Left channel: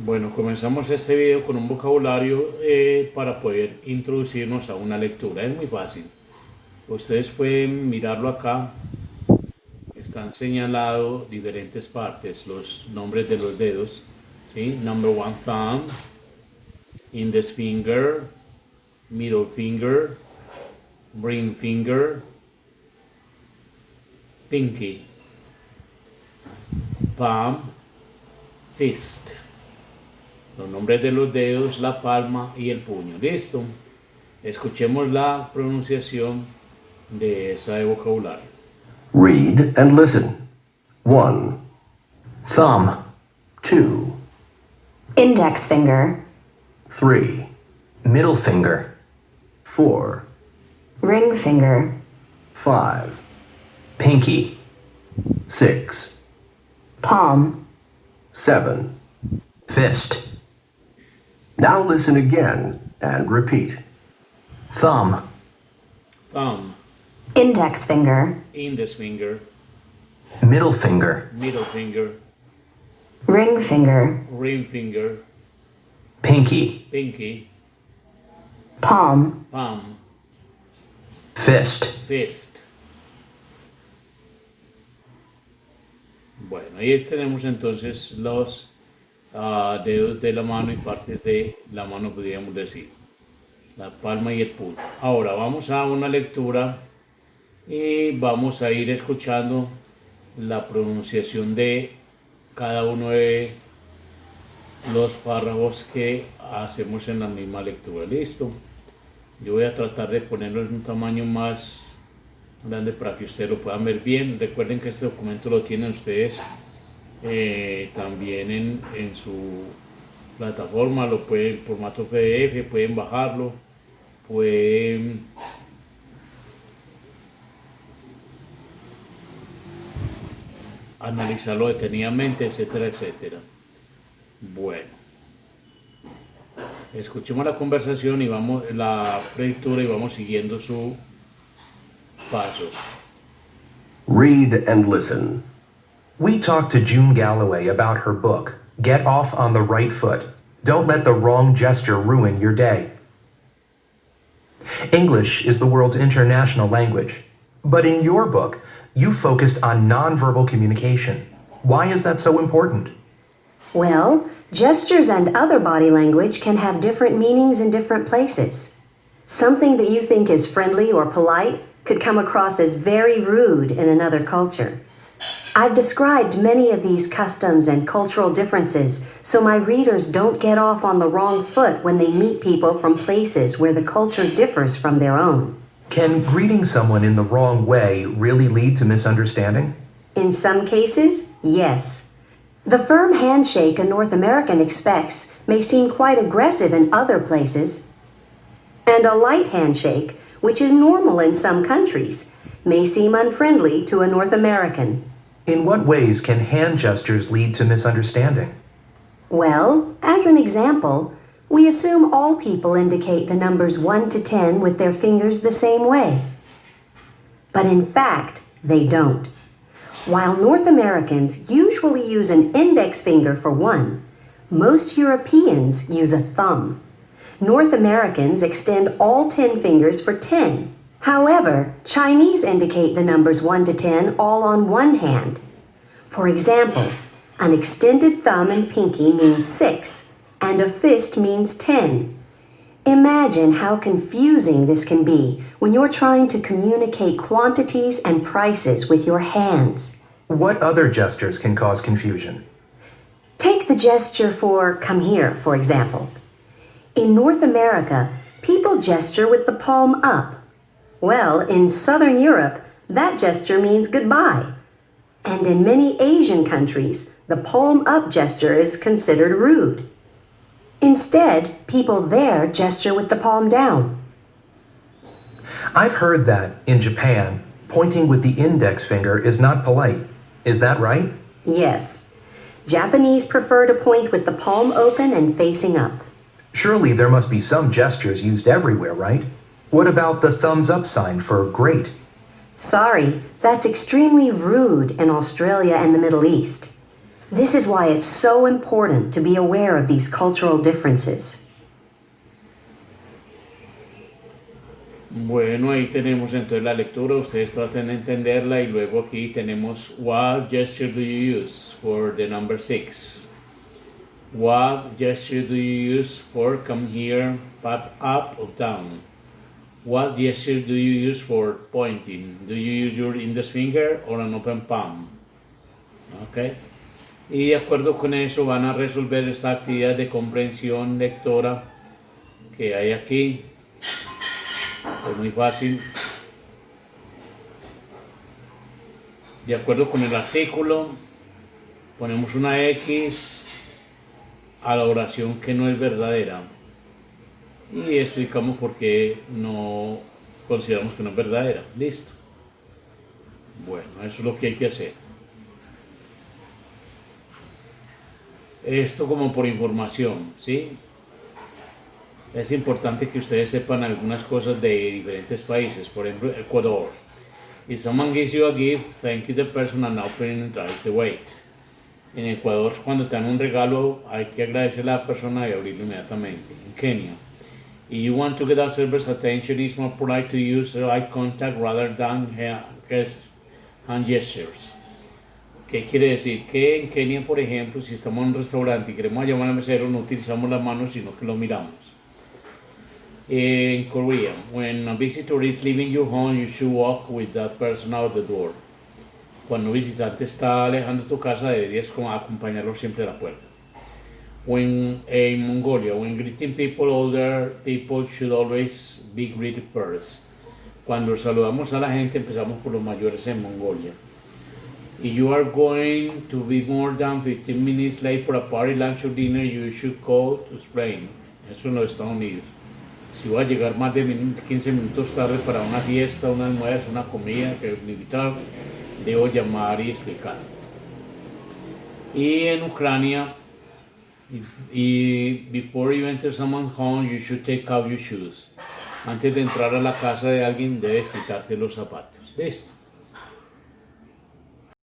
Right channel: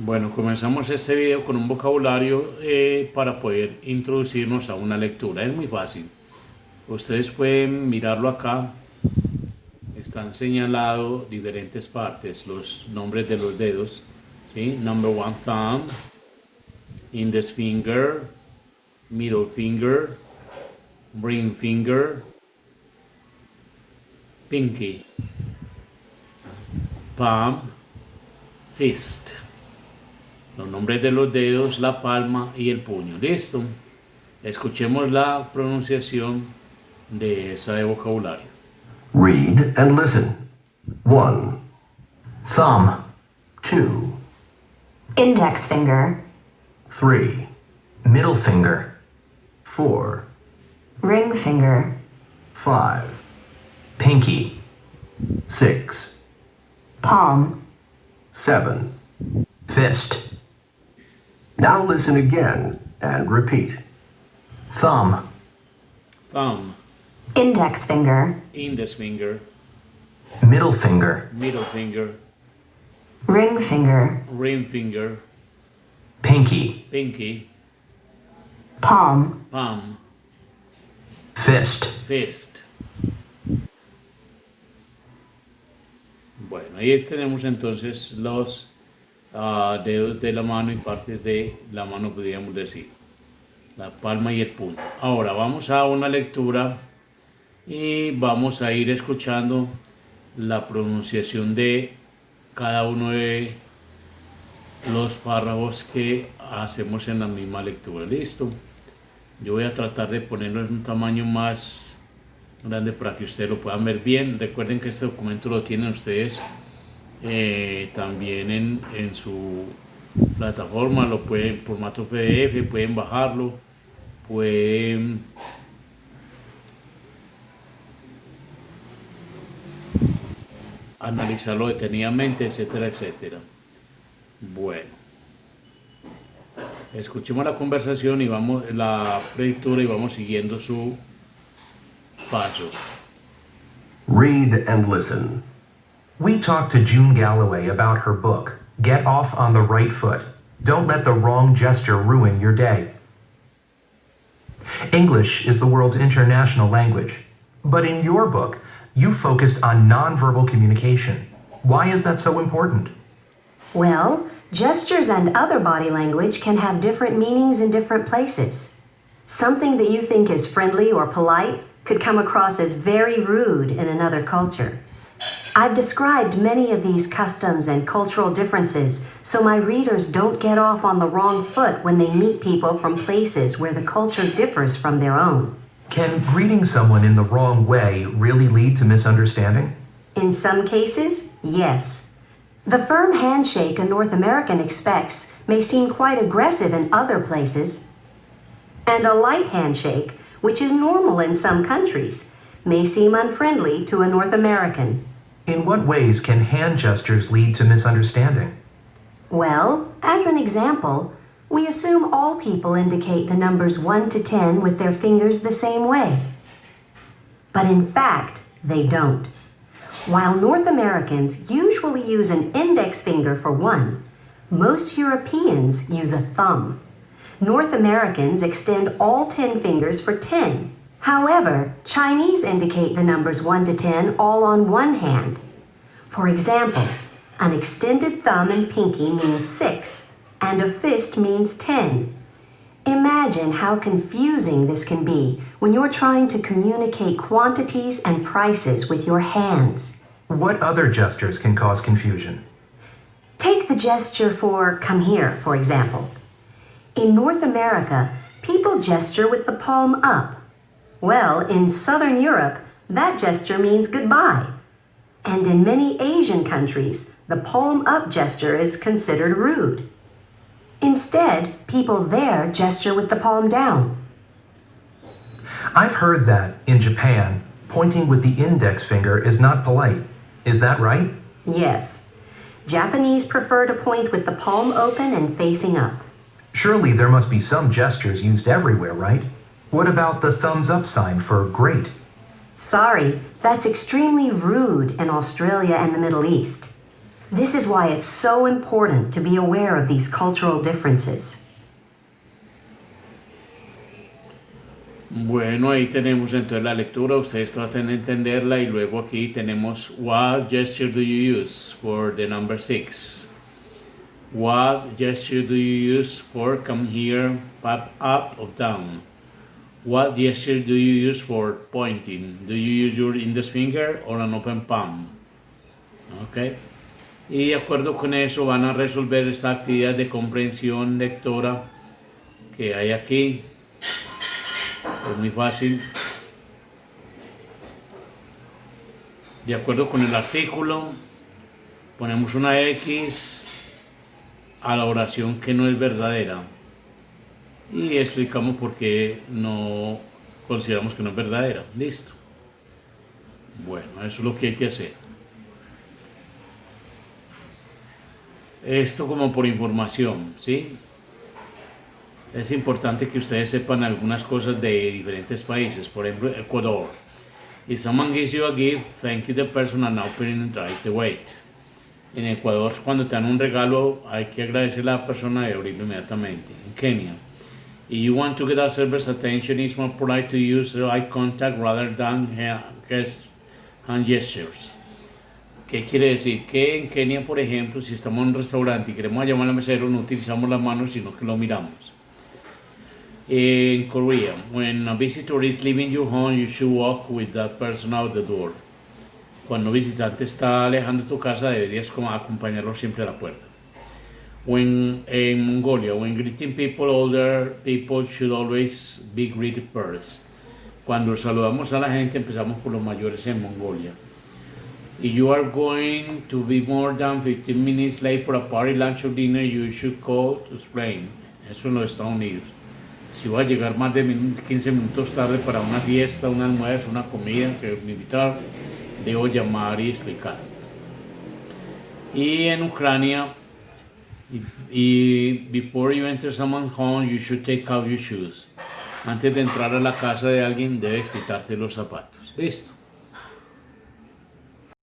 Bueno, comenzamos este video con un vocabulario para poder introducirnos a una lectura. Es muy fácil. Ustedes pueden mirarlo acá. Están señalados diferentes partes, los nombres de los dedos. ¿Sí? Number one, thumb, index finger, middle finger, ring finger, pinky, palm, fist. Los nombres de los dedos, la palma y el puño. ¿Listo? Escuchemos la pronunciación de ese vocabulario. Read and listen. 1. Thumb. 2. Index finger, 3. Middle finger. 4. ring finger, 5. Pinky. 6. palm, 7. Fist. Now listen again and repeat. Thumb. Thumb, index finger, index finger, Middle finger. middle finger, ring finger, ring finger, Pinky. pinky, palm, palm, Fist. fist. Bueno, ahí tenemos entonces los dedos de la mano y partes de la mano, podríamos decir. La palma y el puño. Ahora vamos a una lectura y vamos a ir escuchando la pronunciación de cada uno de los párrafos que hacemos en la misma lectura. Listo. Yo voy a tratar de ponerlo en un tamaño más grande para que ustedes lo puedan ver bien. Recuerden que este documento lo tienen ustedes también en su plataforma, lo pueden en formato PDF, pueden bajarlo, pueden analizarlo detenidamente, etcétera, etcétera. Bueno, escuchemos la conversación y vamos la lectura y vamos siguiendo su paso. Read and listen. We talked to June Galloway about her book, Get Off on the Right Foot. Don't let the wrong gesture ruin your day. English is the world's international language. But in your book, you focused on nonverbal communication. Why is that so important? Well, gestures and other body language can have different meanings in different places. Something that you think is friendly or polite could come across as very rude in another culture. I've described many of these customs and cultural differences so my readers don't get off on the wrong foot when they meet people from places where the culture differs from their own. Can greeting someone in the wrong way really lead to misunderstanding? In some cases, yes. The firm handshake a North American expects may seem quite aggressive in other places, and a light handshake, which is normal in some countries, may seem unfriendly to a North American. In what ways can hand gestures lead to misunderstanding? Well, as an example, we assume all people indicate the numbers 1 to 10 with their fingers the same way. But in fact, they don't. While North Americans usually use an index finger for 1, most Europeans use a thumb. North Americans extend all 10 fingers for 10. However, Chinese indicate the numbers 1 to 10 all on one hand. For example, an extended thumb and pinky means 6, and a fist means 10. Imagine how confusing this can be when you're trying to communicate quantities and prices with your hands. What other gestures can cause confusion? Take the gesture for come here, for example. In North America, people gesture with the palm up. Well, in Southern Europe, that gesture means goodbye. And in many Asian countries, the palm up gesture is considered rude. Instead, people there gesture with the palm down. I've heard that, in Japan, pointing with the index finger is not polite. Is that right? Yes. Japanese prefer to point with the palm open and facing up. Surely there must be some gestures used everywhere, right? What about the thumbs up sign for great? Sorry, that's extremely rude in Australia and the Middle East. This is why it's so important to be aware of these cultural differences. Bueno, ahí tenemos entonces la lectura, ustedes tratan de entenderla y luego aquí tenemos what gesture do you use for the number 6? What gesture do you use for come here, up or down? What gesture do you use for pointing? Do you use your index finger or an open palm? Okay. Y de acuerdo con eso van a resolver esa actividad de comprensión lectora que hay aquí. Es muy fácil. De acuerdo con el artículo, ponemos una X a la oración que no es verdadera y explicamos por qué no consideramos que no es verdadera. Listo. Bueno, eso es lo que hay que hacer. Esto como por información, ¿sí? Es importante que ustedes sepan algunas cosas de diferentes países. Por ejemplo, Ecuador. If someone gives you a gift, thank you the person and open it right away. En Ecuador, cuando te dan un regalo, hay que agradecerle a la persona y abrirlo inmediatamente. En Kenia, if you want to get a server's attention, it's more polite to use eye contact rather than hand gestures. ¿Qué quiere decir? Que en Kenia, por ejemplo, si estamos en un restaurante y queremos llamar al mesero, no utilizamos las manos, sino que lo miramos. In Korea, when a visitor is leaving your home, you should walk with that person out the door. Cuando un visitante está alejando tu casa, deberías acompañarlo siempre a la puerta. In Mongolia, when greeting people, older people should always be greeted first. Cuando saludamos a la gente, empezamos por los mayores en Mongolia. If you are going to be more than 15 minutes late for a party, lunch or dinner, you should call to explain. Eso en los Estados Unidos. Si voy a llegar más de 15 minutos tarde para una fiesta, un almuerzo, una comida que me invitaron, debo llamar y explicar. Y en Ucrania, before you enter someone's home, you should take off your shoes. Antes de entrar a la casa de alguien, debes quitarte los zapatos. Listo.